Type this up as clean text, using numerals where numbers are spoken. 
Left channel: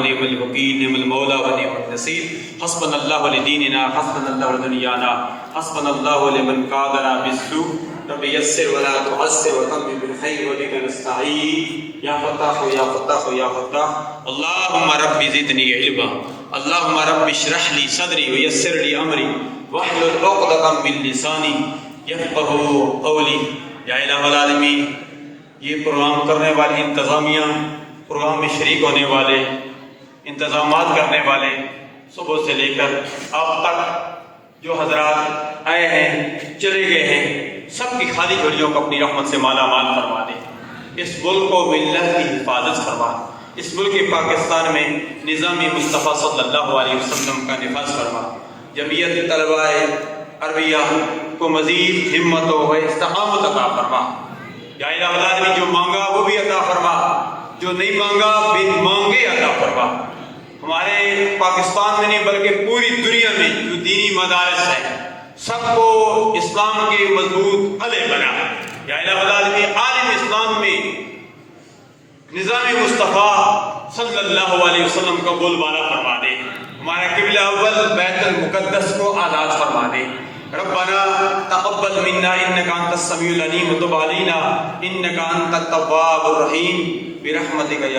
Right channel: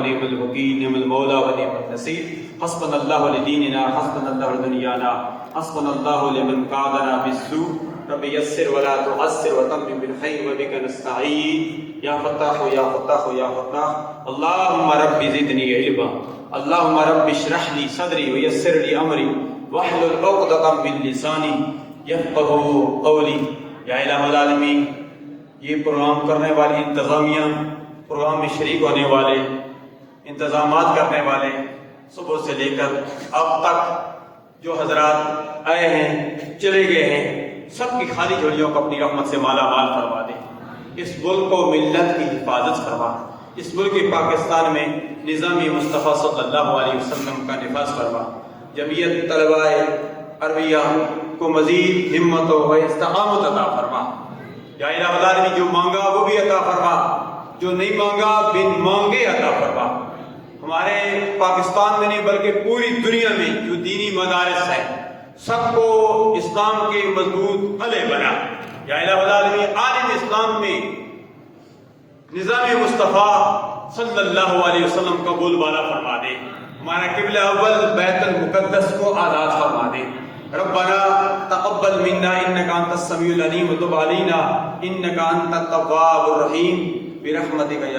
ونعم الوکیل، نعم المولا ونعم النصیر، حسبنا اللہ لدیننا، حسبنا اللہ لدنیانا، حسبنا اللہ لمن قادنا بالسوء، رب یسر ولا تعسر وتمم بالخیر وبک نستعین، یا فتاح یا فتاح یا فتاح، اللہم رب زدنی علما، اللہم رب اشرح لی صدری ویسر لی امری واحلل عقدۃ من لسانی یفقہوا قولی۔ یا الہ العالمین، یہ پروگرام کرنے والی انتظامیہ، پروگرام میں شریک ہونے والے، انتظامات کرنے والے، صبح سے لے کر اب تک جو حضرات آئے ہیں چلے گئے ہیں، سب کی خالی جھولیوں کو اپنی رحمت سے مالا مال فرما دے۔ اس ملک کو ملت کی حفاظت فرما، اس ملک پاکستان میں نظام مصطفیٰ صلی اللہ علیہ وسلم کا نفاذ فرما۔ جمعیت طلباء عربیہ کو مزید ہمت و استقامت عطا فرما۔ یا الہ العالمین، جو مانگا وہ بھی عطا فرما، جو نہیں مانگا بن مانگے عطا فرما۔ ہمارے پاکستان میں نہیں بلکہ پوری دنیا میں جو دینی مدارس ہیں سب کو اسلام کے مضبوط علے بنا۔ یا الہ العالمین، عالم اسلام میں نظام مصطفیٰ صلی اللہ علیہ وسلم کا بول بالا فرما دے۔ ہمارا قبلہ اول بیت المقدس کو آزاد فرما دے۔ ربنا تقبل منا انك انت السميع العليم وتب علينا انك انت التواب الرحيم برحمتك يا